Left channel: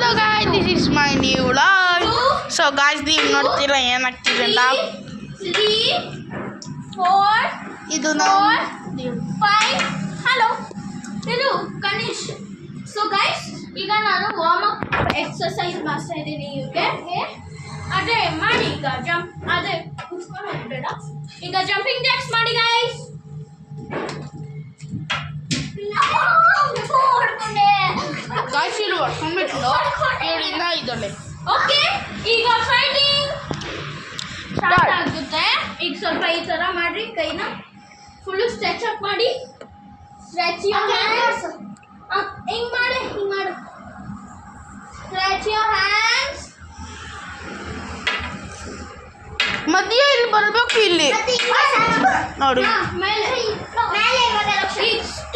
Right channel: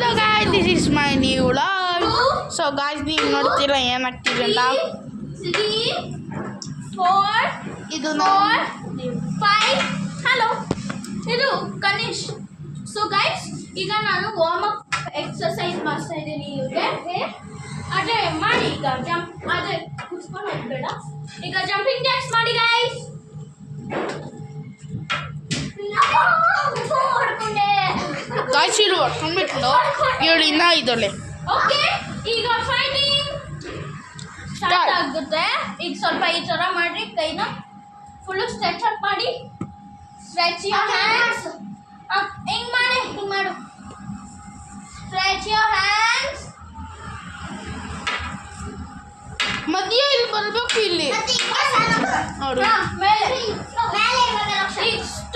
Hello guys, this is my new vlog. So guys, ನೀವು ನೋಡ್ತೀರಾ ಏನಾಗ್ತಿದೆ ಅಂತ. 3 4 ಇದು 5 ಹಲೋ ಇದು ಕನಿಷ್. ಸೊ ಗೈಸ್, ಈಗ ನಾನು ವಾರ್ಮ್ ಅಪ್ ಎಕ್ಸರ್ಸೈಸ್ ಮಾಡ್ತಾ ಇದ್ದೀನಿ ಇವ್ರಿಗೆ. ಅದೇ ಮಾಡಿ ಈಗ ಜಂಪ್, ಅದೇ ಕುತ್ಕೊಂಡು ಹೋಗ್ಬೇಡ. ಈಗ ಜಂಪಿಂಗ್ ಜಾಕ್ಸ್ ಮಾಡಿ ಗೈಸ್. ಗಾಯ್ಸ್ ಇಲ್ಲಿ ಹೊಡ್ಕೊಂಡ್ಬಿಟ್ಟು ಇವಳು ಇನ್ನ ಇದಳೆ. ಓಕೆ, ಈಗ ಫೈಟಿಂಗ್ ಸ್ಟಾರ್ಟ್ ಆಗುತ್ತೆ. ಈಗ ಸ್ವಲ್ಪ ಈ ತರ ಮಾಡ್ರಿ, ಕೈನ ಫುಲ್ ಸ್ಟ್ರೆಚ್ ಅಪ್ ಮಾಡಿ. Stretch your hands. ಹಿಂಗ್ ಮಾಡಿ, ಹಿಂಗ್ ಮಾಡು. Stretch your hands. ಮಧ್ಯ ಇಲ್ಲಿ ಬರ್ಬೇಕು. ಇಲ್ಲಿ ನೋಡಿ ಮೇಲೆ ಈಗ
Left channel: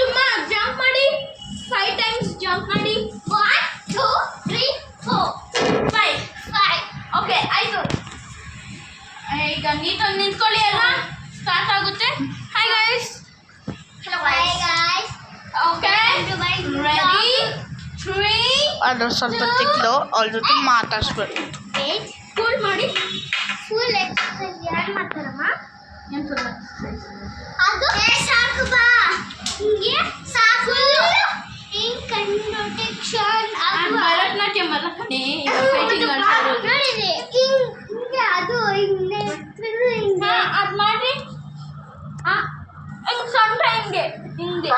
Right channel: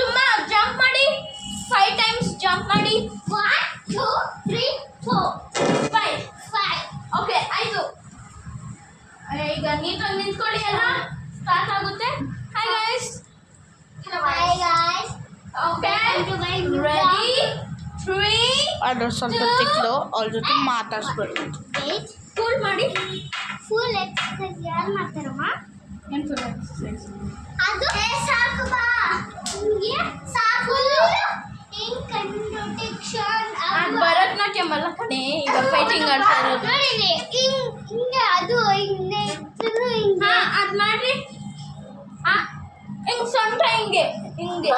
ತುಂಬಾ ಜಂಪ್ ಮಾಡಿ. 5 ಟೈಮ್ಸ್ ಜಂಪ್ ಮಾಡಿ. 1 2 3 4 5 ಓಕೆ ಆಯ್ತು. ಈಗ ನೀಟಾಗಿ ನಿಂತ್ಕೊಳ್ಳಿ ಅಲ್ವಾ, ಸ್ಟಾರ್ಟ್ ಆಗುತ್ತೆ. Hi guys. Hello guys. Okay ready 3 ಅದು ಸ್ವಲ್ಪ ತಿಕ್ಲು ಅವ್ರ ಜೊತೆ ಮಾತಾಡ್ಸ್ಬೇಕು. ಕೂಲ್ ಮಾಡಿ. ಫುಲ್ ಎಕ್ಸರ್ಸೈಸ್ ಯಾರು ಮಾಡ್ತಾರಮ್ಮ? ಏನು ಫುಲ್ ಎಕ್ಸರ್ಸೈಸ್? ಅದು ಸಾಕು ಬಾ, ಹಿಂಗೆ ಸಾಕು. ಹಿಂಗೆ ಕಂಡಕ್ಷನ್ ಭರತನಾಟ್ಯಂ ಅಲ್ಲ ಕಣೆ, ಈಗ ಫೈಟಿಂಗ್ ಆಡ್ತಾ ಇರೋದು. ಹಿಂಗೆ ಅದು ಹಿಂಗೆ ಅದು ಮಾಡ್ರಿ. ಹಿಂಗೆ ಸೊಂಟ ಹಿಂಗೆ ಹಿಂಗೆ.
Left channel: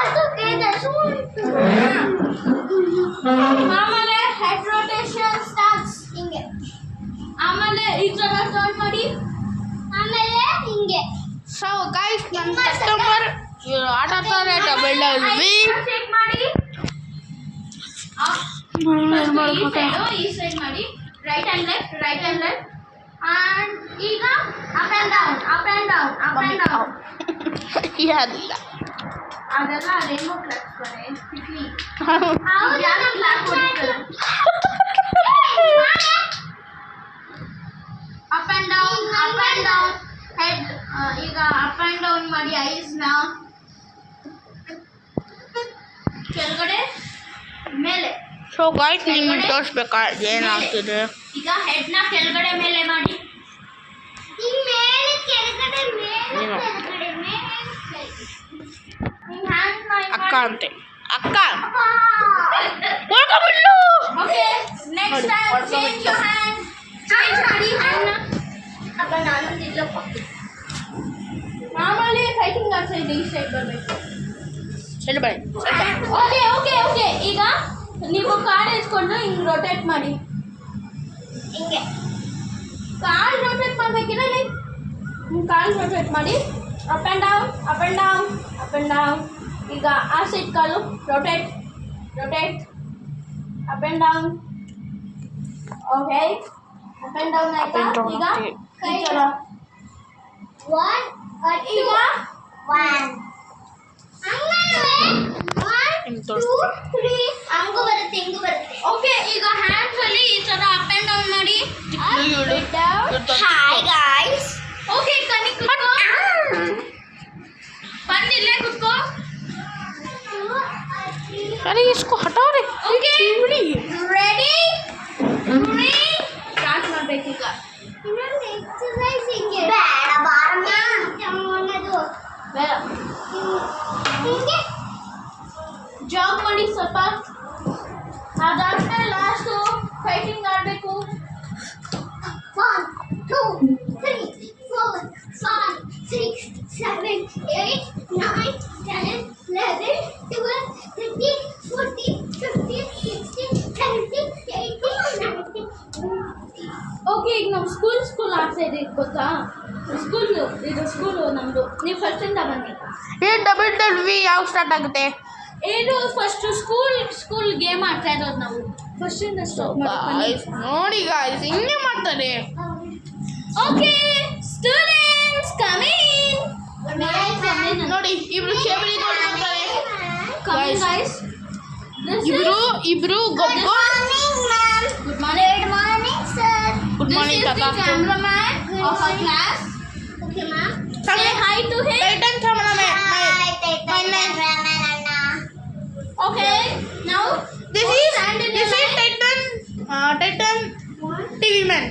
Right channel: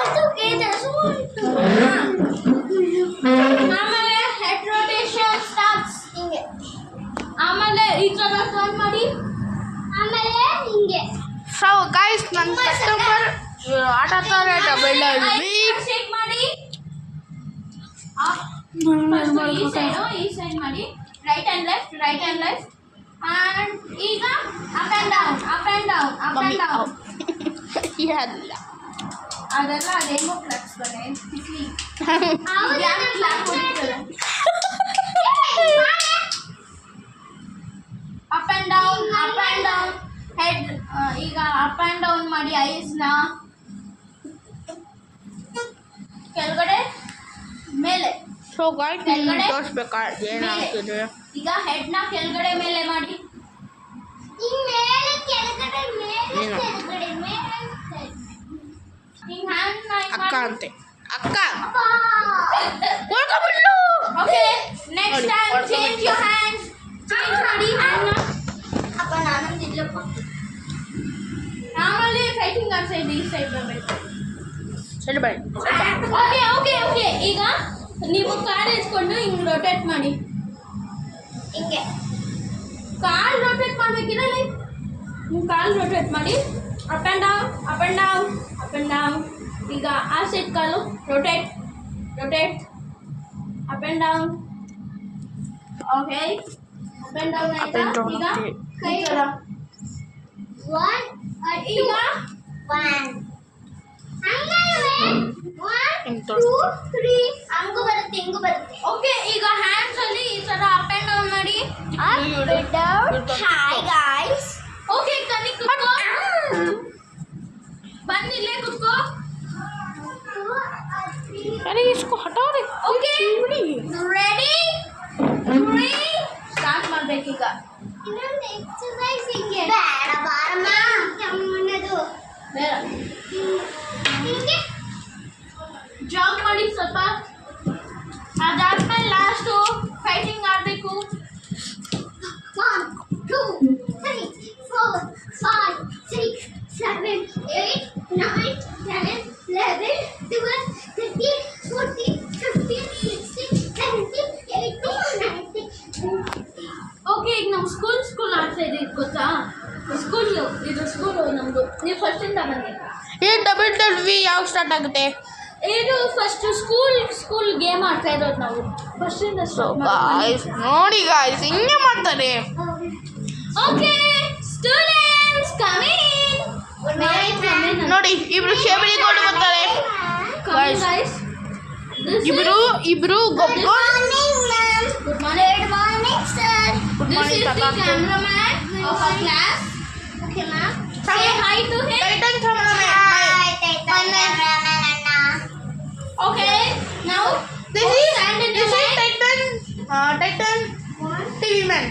ಆಮೇಲೆ ಹೆಡ್ ರೊಟೇಷನ್ ಸ್ಟಾರ್ಟ್ಸ್ ಹಿಂಗೆ. ಆಮೇಲೆ ಈ ಥರ ಟರ್ನ್ ಮಾಡಿ. ಆಮೇಲೆ ಹಿಂಗೆ. ಸೊ ಗಾಯ್ಸ್, ನನ್ನ ಕಸ್ಟಮರ್ ಆಟ ಆಡ್ತಾರೆ ಡಬಲ್ ಶೇಕ್ ಮಾಡಿ. ಈ ಸೈಡ್ ಮಾಡಿ. Right and left, right and left. And ಈಗ up and down, up and down, up and down. ಯಾರಿಲ್ಲ ಅದೆಲ್ಲ ರೇನ್ಬೋ ಫ್ಲೆಕ್ಸ್ ಬರೆ ಕಿಟ್ಲಿ. Up and down, up and down. Head ಈಗ ಅಪ್ ಆ್ಯಂಡ್ ಡೌನ್ ಮಾಡಿ. ಐಸ್ನ ಕೆಳಗಡೆ ಮೇಲೆ. ಸೊ ಗಾಯ್ಸ್, ನಿಮ್ಗೆ ತೋರಿಸ್ಬೇಕಾದ್ರೆ ಏನಾಗ್ತಿದೆ. ಈಗ ಹೆಡ್ನ ಕೆಳಗಡೆ ಮೇಲೆ ಮಾಡಿ. ಮೇಲೆ ಕೆಳಗಡೆ ಮೇಲೆ ಕೆಳಗಡೆ ಮೇಲೆ. ಹಿಂಗ್ ಹ್ಯಾಂಡ್ ಅಕ್ಕ ಅಂತೆ, ಅಕ್ಕ ಹೊಡ್ಕೊಂಡ್ಬಿಟ್ಲು. Okay, next time change your hand. Change ಮಾಡಿ ಹ್ಯಾಂಡ್ನ. ಅಪ್ಪ ನಾನೊಂದು ಇಲ್ಲಪ್ಪ. ಮಾಮೂಲಿ ಫೈಟಿಂಗ್ ಆಡ್ತಾ ಇದ್ದೆ, ಈ ಸೈಡ್ ಬರಬೇಕು. ಸರಿ ಬಾಯ್. Okay okay okay. ಈಗ ನೀವು ಕಾಲು ಎತ್ಕೊಂಡು ಹಿಂಗೆ ರೊಟೇಟ್ ಮಾಡಿ. ಹಿಂಗೆ ಕಾಲು ರೊಟೇಟ್ ಮಾಡಬೇಕಿರಲಿ. ಕಾಲು ರೊಟೇಟ್ ಮಾಡಿ. Up and down, up and down, up and down. ಈಗ ಆ side call rotate, rotate, up and down. Okay, up and down ಆಯ್ತಾ? ಈಗ ಕೈ ಚಲ. 1 ಈಗ 1 2 3 ಹಂಗೂ ಬರುತ್ತೆ, ಹಿಂಗೂ ಬರುತ್ತೆ. ಓಕೆ, ಈಗ ಹ್ಯಾಂಡ್ಸ್ ಅಲ್ಲಿ ಈ ತರ ಅಪ್ ಆ್ಯಂಡ್ ಡೌನ್ ಮಾಡಿ. Hi guys. ಓಕೆ, ಕನಿ ಕುತ್ಕೋ. ಬಂದಿಲ್ಲೇ ಕುತ್ಕೋ. अरे इसको हटाओ रे. ಓಕೆ ರೆಡಿ 3 ಸ್ಟಾರ್ಟ್ ಮಾಡಬೇಕು. ಈಗ ಇನ್ನೊಂದು ಎಕ್ಸರ್ಸೈಸ್ ಹಿಂಗೆ. ಬೇಡ ಬಾರಮ್ಮ, ತಮ್ಮನದು ಬೇಡ. ಹಿಂಗೆ ಜಾಗ್ ಮಾಡಿ ಸ್ವಲ್ಪ. ಅದಾದ್ಮೇಲೆ ಲಾಸ್ಟು ಫೈಟಿಂಗ್ ಆಡಬೇಕು. 1 2 3 4 5 6 7 8 9 10 11 12 13 14 15 16 17 18 19. ಓಕೆ, ಈಗ ನಾವು ಸ್ಕೂಲ್ ಆಡ್ತಾ ಇದ್ದೀವಿ ಗೊತ್ತಾ? ಇದು ಸ್ಕೂಲು ನಮ್ಮದು. ನೀವು ಫಸ್ಟಿಂದ ಬನ್ನಿ. ಏನು ಡಬಲ್ ಯಾವ ಸ್ಟಾರ್ಟ್ ಆಗುತ್ತೆ? ಇದು ಫಸ್ಟ್ ಸ್ಕೂಲ್ ಗೇಮ್ ಆಡ್ತಾ ಇರೋದು ನಾವು. ಫಸ್ಟಿಂದ ಗಾಯ್ಸ್ ನೋಡಿ ಗಾಯ್ಸ್, ಹಿಂಗೆ ಮಾಡ್ತಾರೆ. Okay students come in. ನೋಡಿ ಇಬ್ರು ಶೇಬಳಿ ನೋಡಿ ಬರ್ತಾರೆ ಗೈಸ್. ಇಬ್ರು ಗೊಬ್ಬ. Good morning sir. Good morning ತಾತ. Cameraman of our class. Okay ma'am. Say hi to him. Titan cameraman. My name. Okay. Now This is Titan Titan TV man.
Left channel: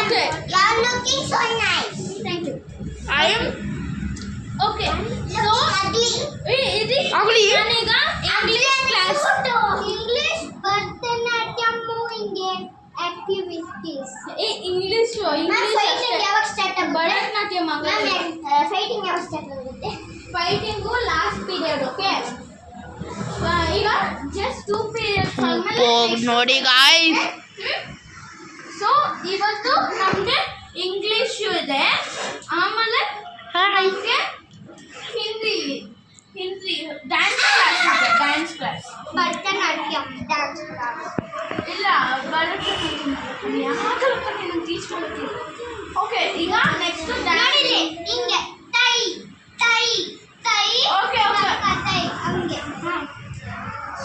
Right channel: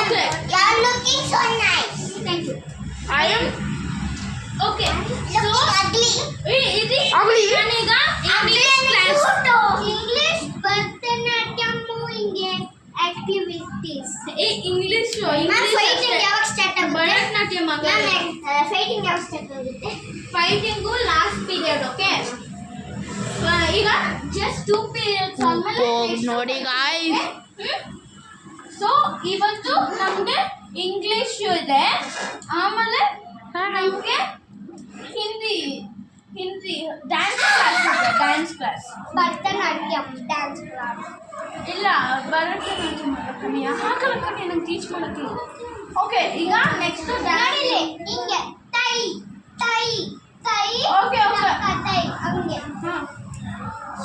Okay. You're looking so nice. Thank you. I am Okay. So, Looks ugly. ఇది ugly. ನಾನೀಗ English class English Bharatanatyam ಹಿಂಗೆ activities. English Ma'am, fighting ಯಾವಾಗ start ಆಗುತ್ತೆ? ಭರತನಾಟ್ಯ ಮಗ Ma'am, fighting ಯಾವಾಗ start ಆಗುತ್ತೆ? Fighting last period okay ಈಗ just 2 periods ನೋಡಿ guys. ಸೊ ಇವತ್ತು ನಮಗೆ ಇಂಗ್ಲಿಷ್ ಇದೆ ಆಮೇಲೆ ನಮಗೆ ಹಿಂದಿ ಡ್ಯಾನ್ಸ್ ಕ್ಲಾಸ್ ಇದೆ dance class Bharatanatyam dance class. ಇಲ್ಲ ಭರತನಾಟ್ಯ ಆಗಲ್ಲ ಕಣೆ ನಂಗೆ ಟೀಚ್ ಮಾಡ್ತೀನಿ ಓಕೆ ಈಗ ನೆಕ್ಸ್ಟ್ ಡ್ಯಾನ್ಸ್ ನೋಡಿಲ್ಲಿ ಹಿಂಗೆ ತೈ ತೈ ತೈ Okay, okay. ತೈ ಹಂಗೆ.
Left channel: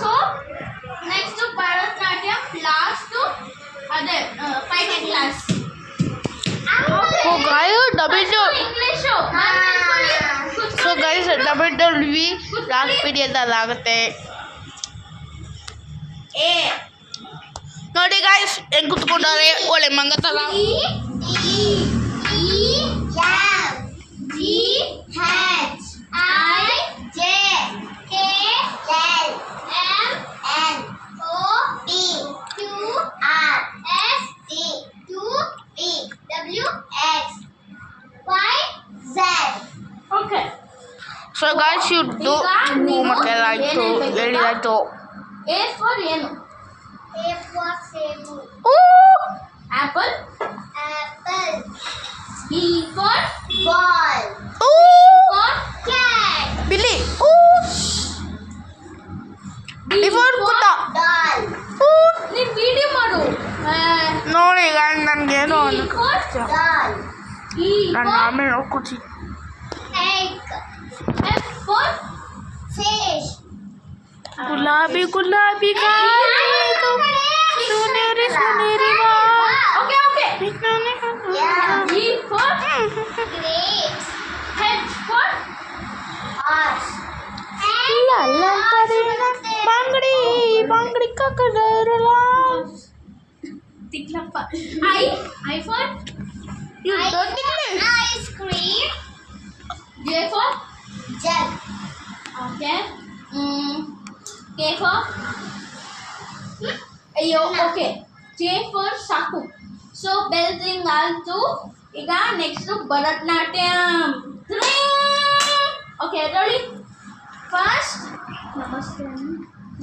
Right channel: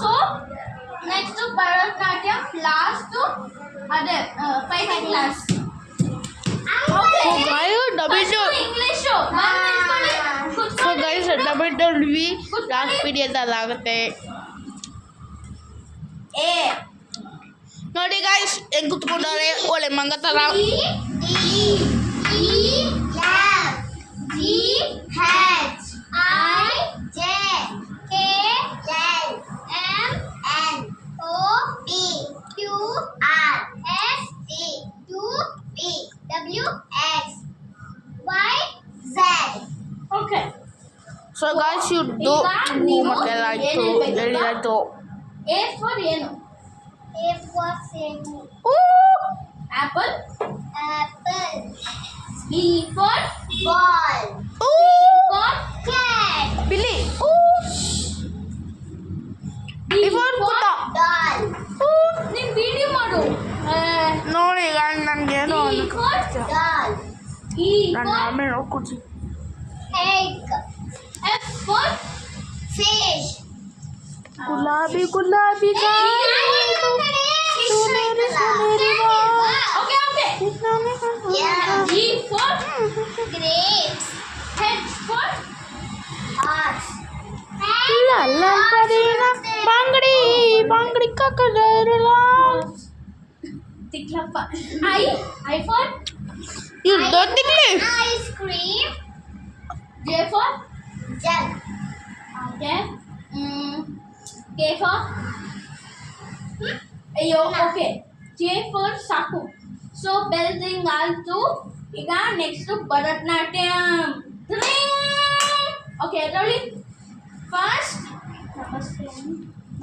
ಸೊ ನೆಕ್ಸ್ಟ್ ಭರತನಾಟ್ಯ ಲಾಸ್ಟ್ ಅದೇ fighting class So guys, English so guys, WWE last period ಅಲ್ಲಿ ಆಗುತ್ತೆ. ಎ ನೋಡಿ guys, ಹೆಂಗ್ ಕುತ್ಕೊಂಡವ್ರೆ ಒಳ್ಳೆ ಮಂಗ ತರ. Okay So guys, you do homework ಆಯ್ತು, ಹೇಳಿ ಆಯ್ತು. ಎ ಫಾರ್ ಏನು apple B for Ball. For Cat. ಬಿಲ್ಲಿ. ಡಿ Before ಕುತ್ತ. Doll. ನೀನು ವಿಡಿಯೋ ಮಾಡು ನೋಡಿ guys, ನನ್ಗೇನು E ಅನ್ನಕ್ಕೆ for Doll. ಇ ನಾನು ಫಾರ್ ಆಮೇಲೆ ನೋಡ್ಕೊತೀನಿ. Egg. F for Fish. ಗುಲಾಬಿ ಗುಲಾಬಿ ಗಾಳಿದು ಸುನೇರಿ ಸುನೇರಿ ಬಾ. ಓಕೆ ಓಕೆ ವಿಜ್ಞಾನಿ Yeah. G for Grapes. H for Horse. ಲಲ್ಲಂತರಿನ ಬಂಗಡಿ ಬಂಗಡಿ ಕಕ್ಕದರಲ. ತಿಕ್ಲಪ್ಪ I for You don't think Ice cream. J for Jug. Okay K for ಅಯ್ಯೋ ಓಕೆ ಜೆ ಫಾರ್ ಸಾಕು ಸೊ ಬೆಲ್ದಿಂಗ್ ಆಲ್ತು ಈಗ next Bharatanatyam okay ready first ನಮಸ್ತೆ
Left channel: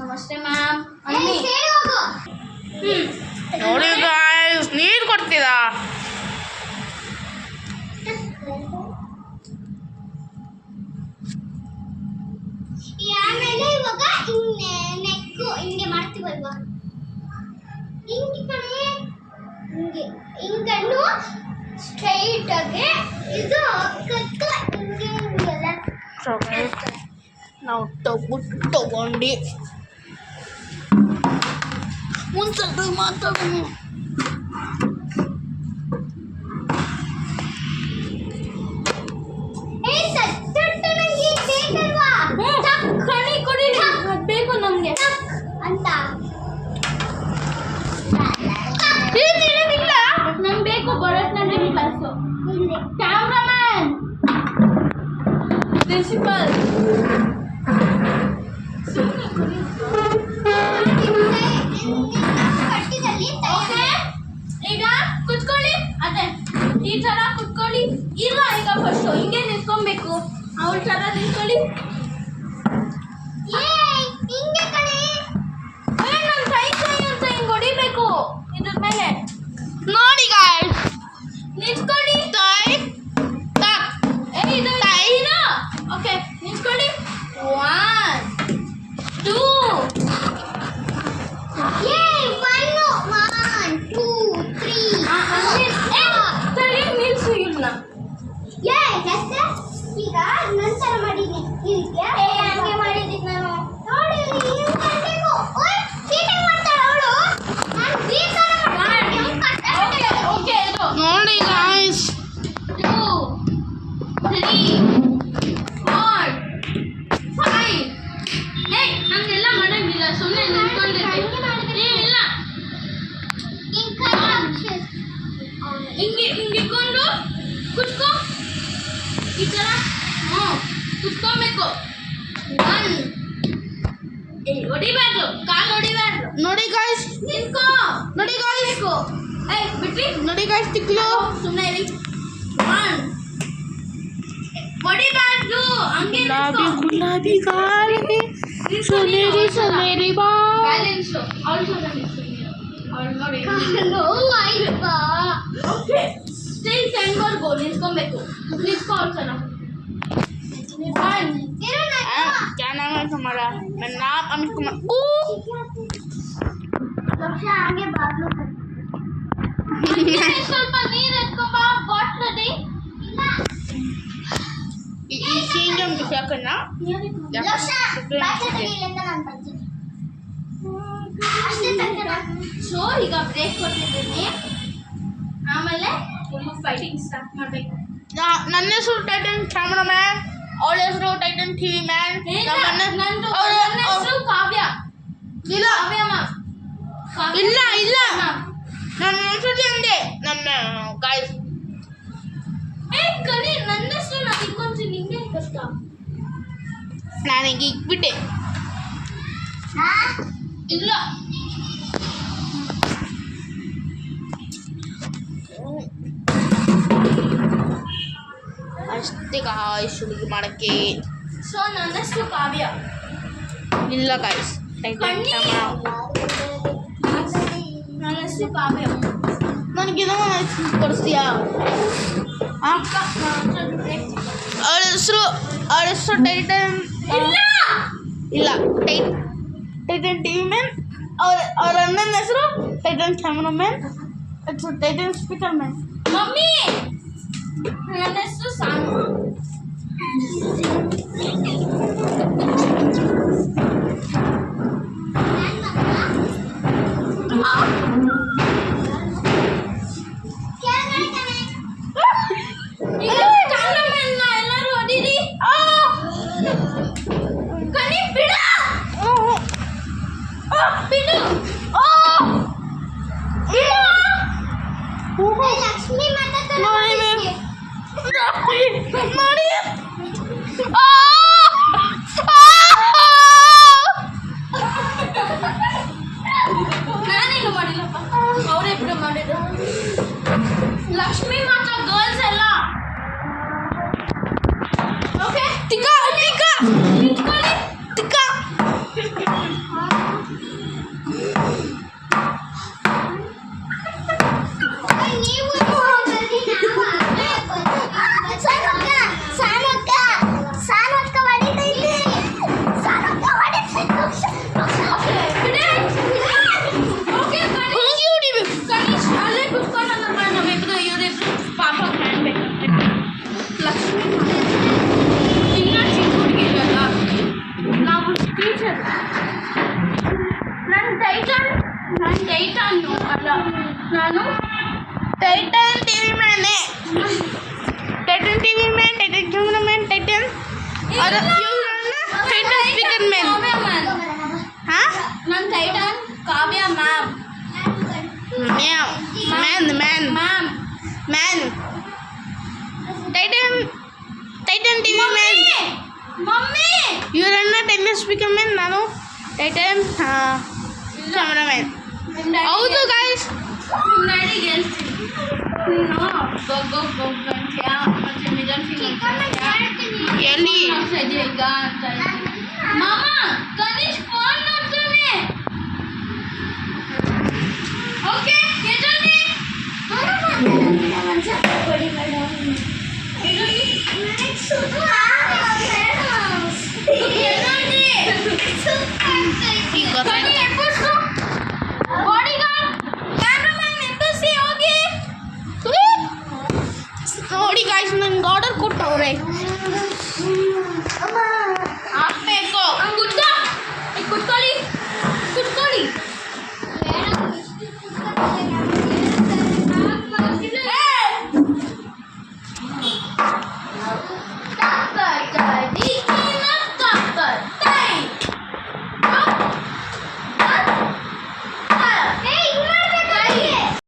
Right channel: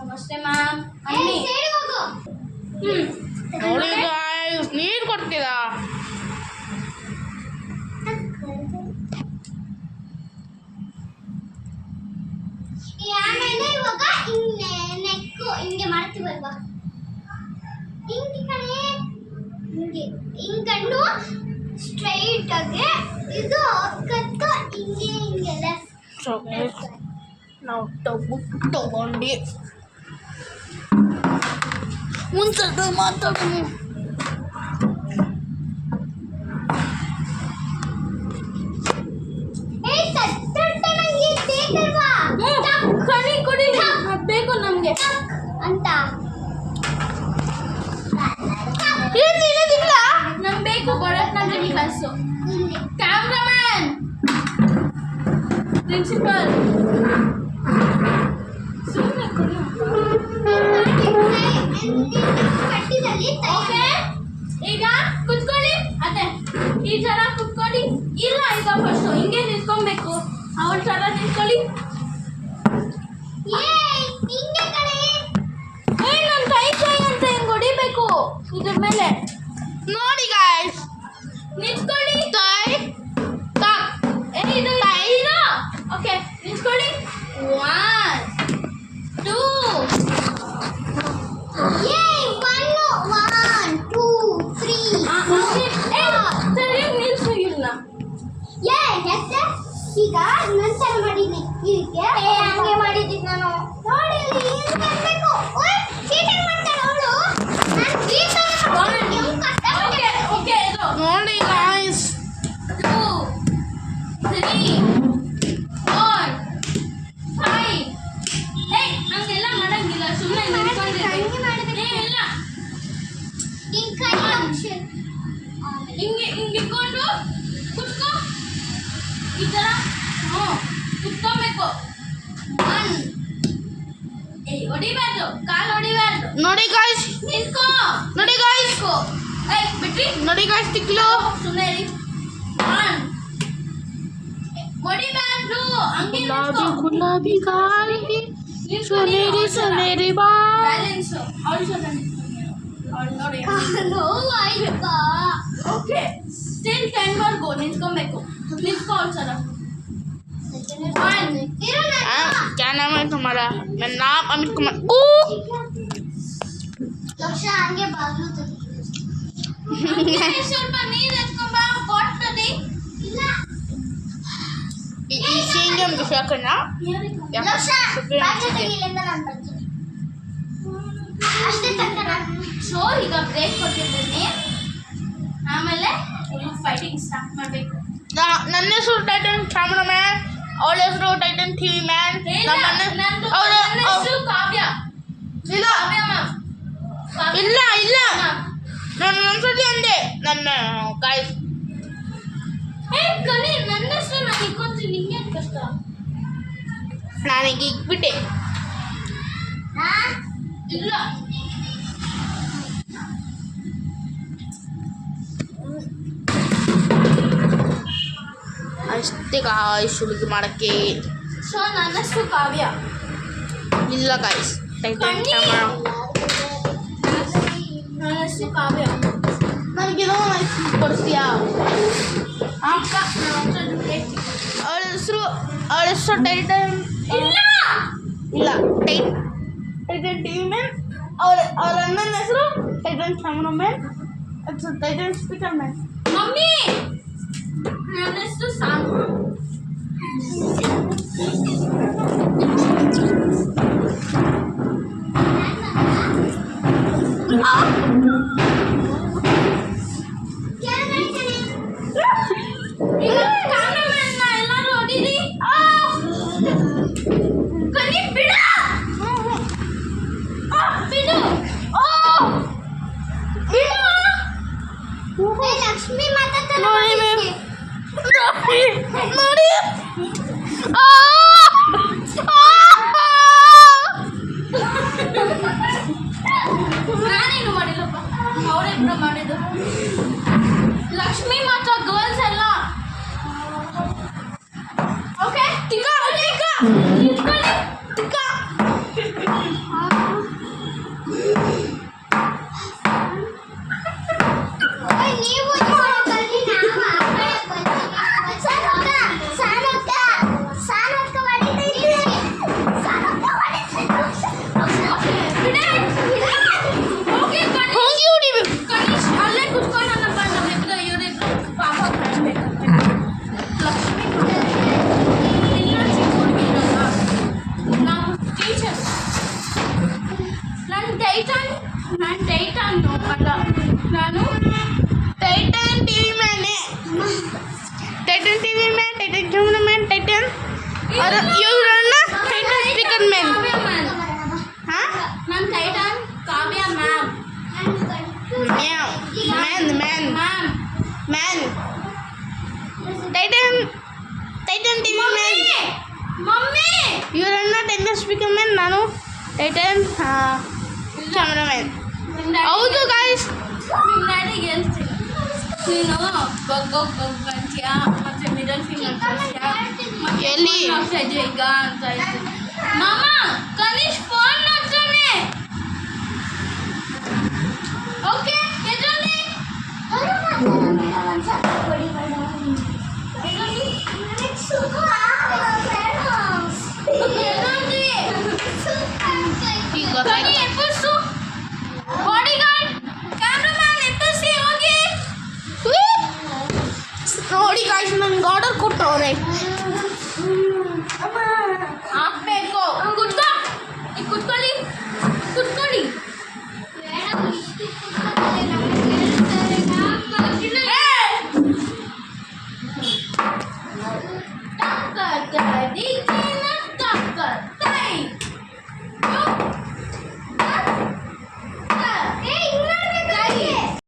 ನಮಸ್ತೆ ಮ್ಯಾಮ್ ಅನ್ನಿ Say ಹೋಗು. ನೋಡಿ guys, ನೀರು ಕೊಡ್ತೀರಾ? ಆಮೇಲೆ ಇವಾಗ ನೆಕ್ಕು ಹಿಂಗೆ ಮಾಡ್ತೀವಲ್ವಾ ಹಿಂಗೆ ಕಣೆ ಹಿಂಗೆ ಹಿಂಗನ್ನು ಸ್ಟ್ರೈಟ್ ಆಗಿ ಇದು ಕತ್ತ ಹಿಂಗೆ ಹಿಂಗೆಲ್ಲ So guys, ನಾವು ತಗೊಂಡು ಮುಂಚೆ ಮಾತಾಡೋಣ. ಸತ್ತಟ್ಟನ ಈ ಬೇಕಲ್ವಾ ಕಣಿ ಕೊಡಿ ಬೇಕು ನಮಗೆ ಅಂತ ನಮ್ಗೆ ಬೇಕು ಭರತನಾಟ್ಯಂ ಕ್ಲಾಸು ಇಲ್ಲಿ ಕ್ಯಾಮ್ರಾಮ್ಯಾನ್ ಪ್ರಿನ್ಸಿಪಲ್ ಕಟ್ಟಿದಲ್ಲಿ ಓಕೆ ಈಗ ಕುತ್ಕೊಳ್ಳಿ ಅದೇ ಈ ಥರ ಕುತ್ಕೊಳ್ಳಿ ಇಲ್ಲ ಈಗ ಫಸ್ಟು ಹಿಂಗೆ ನಿಂತ್ಕೊಬೇಕು ಅವಳ ಥರ ನಿಂತ್ಕೊಳ್ಳಿ ಹಿಂಗೆ ಕಣೆ ನಾನು ಟೈ ಅಂತ ಹಿಂಗೆ ಹೊಡಿಬೇಕು ಇದ್ರ ಮೇಲೆ ನೋಡಿ guys, ನಿಂತ್ಕೊಳ್ಳಿ ತೈ ತಕ್ ಇದು ಟೈ. ಓಕೆ ನಿಂತ್ಕೊಳ್ಳಿ 1 2 1 2 3 ಸರಿ ನಿಲ್ಸು ಇಲ್ಲ ಈಗ ನಂತರ ಮಾಡಿದ್ನಿ ಇದಕ್ಕೆ ಹಂಗೆ ಮಾಡಿದ್ದಿ ನಾನು ನೋಡಿ ಇಲ್ಲಿ ಹಿಂಗ್ ಮಾಡ್ಬೇಕು. ಓಯ್, cheating ಮಾಡ್ತಾಳೆ ಅವಳು. ನಾನ್ cheating ಮಾಡ್ತೀನಿ. ಓಕೆ ಓಕೆ ಇದು ನೋಡಿ guys, 2 3 4 5 ಹಂಗೆಲ್ಲ ಮಾಡಂಗಿಲ್ಲ ಸುಮ್ಮನೆ ನಿಂತ್ಕೊಂಡಿರಿ ಇಲ್ಲ ಹಿಂಗೆ ಇಟ್ಕೊಂಡು ಕುತ್ಕೋ ಈ ಥರ ಕುತ್ಕೊಬೇಕು. ಹೊಡಿಬಾರ್ದು, ಕಾಲು ಹೊಡಿಬಾರ್ದು. ನೋಡಿ ಗಾಯ್ಸ್, ನಿಂತ್ಕೋ. ನೋಡಿ ಗಾಯ್ಸ್, ಬಿಟ್ರಿ ನೋಡಿ ಗಾಯ್ಸ್, ತಿಕ್ಲು ಸುಮ್ಮನೆ ಇರಿ. ಹೊಡಿಬಾರ್ದು, ಹಂಗೆ ಗುಲಾಬಿ ಗಾಳಿ ಸೊನೇರಿ ಸೊನೇರಿ ಬಾ. ಬ್ಯಾಲೆನ್ಸು ಅವಳು ಸ್ವಲ್ಪ ನಿಂತ್ಕೊಂಡಿರೋ ಅವಳು ನೋಡಿ. ಆಯ್ತಪ್ಪ. ಓಕೆ, ಸ್ಟಿಲ್ 10 ವರ್ಗು ನಿಂತ್ಕೊಬೇಕು. ನಿಂತ್ಕೋ ಅವಳು ಸಲ. क्या नाम है तुम्हारा? मेरा नाम अमित कुमार. ಲಕ್ಷ ಹಂಗೆ ಬಾಗ್ಲು ಸ್ವಲ್ಪ ನೀರು ಎತ್ಕೊಂಬ ಬಾಟ್ಲಲ್ಲಿ. ಇಲ್ಲ ಈ ಸಿಂಗಮ್ ಹಾಕೋಣ. ಲಕ್ಷ ಬಾಟ್ಲು ತೆಗಿಲಿಂದ ನಾನು ಬರ್ತೀನಿ. ಅಷ್ಟೇ ತಂದರ. ಸೊ ಈಗ ಬ್ರೇಕ್ ಕೊಟ್ಟಿದ್ದೀನಿ, ಆಮೇಲೆ ಫುಲ್ ಫೈಟಿಂಗ್ ಸ್ಟಾರ್ಟ್ ಮಾಡಬೇಕು. ನನ್ನ ಹೆಸರು ಟೈಟನ್ ಕ್ಯಾಮ್ರಾಮ್ಯಾನ್, ಅವಳ ಹೆಸರು ಟೈಟನ್ ಟಿವಿ ಮ್ಯಾನ್. ನಂದು ಹೆಸರು ಕಾವ್ಯ. ಇಲ್ಲ ಕಾವ್ಯ ಮ್ಯಾಮ್. ಇಲ್ಲ ಇಲ್ಲ, ನನ್ನ ಒಂದ್ಸತಿ ಅಂದೆ ನನ್ನ ಗಾಯ್ಸ್. ಕಲಿ ನನ್ನ ಹೆಸರು ನಾನು ಇಟ್ಕೊಂತೀನಿ, ನಿಂಗೆ ಕಷ್ಟ. ನಾನೀಗ ಇಕ್ಬಿಟ್ಟೆ. ಇಲ್ಲ ಅಷ್ಟೇ ಗಾಯ್ಸ್ ಹುಡುಗಿ ಮಾಡೋಕ್ಕೆ. ಸೊ ನನ್ನ ಹೆಸರು ಕಾವ್ಯ. ಇಲ್ಲ ಗಾಯ್ಸ್, ಟೈಟನ್ ಕ್ಯಾಮ್ರಾ. ನನ್ನ ಹೆಸರು ಕಾವ್ಯ. ನನಗೇನೋ ಕೊಡಿಸ್ತೀಯಾ? ಅಕ್ಕ ನನ್ನ ಹತ್ರ ಬ್ರೇಕ್. ಅವಳ ಹೆಸರು ಟೈಟನ್. ಇಲ್ಲ ಟೈಟನ್ ಟಿವಿ ಮ್ಯಾನ್. ಅವ್ರ ಅಣ್ಣನ ಹೆಸರು tighten camera man, tighten speaker man. Mummy ನನ್ನ ಹೆಸರು ಸಾನು. ಕ್ಯಾಮ್ರಾಮನ್ ಎಲ್ಲರೂ ಹೊಡೀರಿ. ಕನಿ ಬಿಡ ಬಿಡು. ಲಕ್ಷ್ಮಿ ಮಾತಾಡ್ತಾಳೆ. ನೋಡಿ ನಾನೇನು ಮಾಡಿಲ್ಲಪ್ಪ, ಅವರಿಬ್ರು ಮಾಡಿದ್ದು. ಲಕ್ಷ್ಮಿ ಮಾತ್ರ ಗರ್ಲ್ಸ್ ಎಲ್ಲ. ಓಕೆ ತಿಕ್ಕ ತಿಕ್ಕ ನಿಂತ್ಕೊಳ್ಳಿ. ತಿಕ್ಕ. ನೀವು ಬನ್ನಿ, ನಾವು ಸಾನಕ್ಕ ಹೊಡಿತೀನಿ. ಸಾನಕ್ಕ ಹೊಡಿತೀನಿ. ಬಿಡಿ. ಓಕೆ ಹೋಗಿ ಹೊಡಿಬೇಕು. ಕನಿಷ್ ಅಲ್ಲೇ ಕುತ್ಕೊಂಡು ನನ್ನ ಕಾಣಬೇಕು. ಇವರಿಬ್ರು ಪಾಪ ಕಾಣಬೇಕಂತೆ. ಲಕ್ಷ್ಮಿ ಇನ್ನ ಚಿಕ್ಕ ಹುಡುಗಿ ಇರೋಲ್ಲ, ನಾವು ಟೀಚರ್. ನನ್ನ ಟೈಟಾನು ಅಲ್ಲ, ನಾನು ಟೈಟನ್ ಟಿವಿ ಮ್ಯಾನೇ. Titan TV man, Titan camera man, Titan. ಅದು ಇವ್ರನ್ನ Titan speaker man. Kavya ma'am. ಹಾ, ನನ್ನ Titan Kavya ma'am. Ma'am man man ma'am man. Titan TV man. Mummy ಇವರನ್ನ ಟೈಟನ್ ಸ್ಪೀಕರ್ ಮ್ಯಾನ್, ನಾನು ಟೈಟನ್ ಕ್ಯಾಮ್ರಾ ಮ್ಯಾನ್. ಹೌದು ಗಾಯ್ಸ್. ನಿಮ್ಮ ಡ್ಯಾಡಿಗೆ ಹೇಳ್ತೀನಿ, ನೀನು ಗೊಗ್ಗಂತೀಯ ಮತ್ತೆ ಮಿಡಲ್ ಫಿಂಗರ್ ತೋರಿಸ್ತೀಯಾ ಎಲ್ಲಿ? ಆಗ್ತಾ ಇದೆಯಾ ಈಗ ಅಂತ ಹೇಳ್ತೀನಿ. ಮಾಮ ಕನಿಷ್ ಫೋನ್ ನೋಡ್ತಾನೆ. ಓಕೆ ಎದೊಂದು ಈಗ ಕನಿ ಎಬ್ಬರ್ಸ್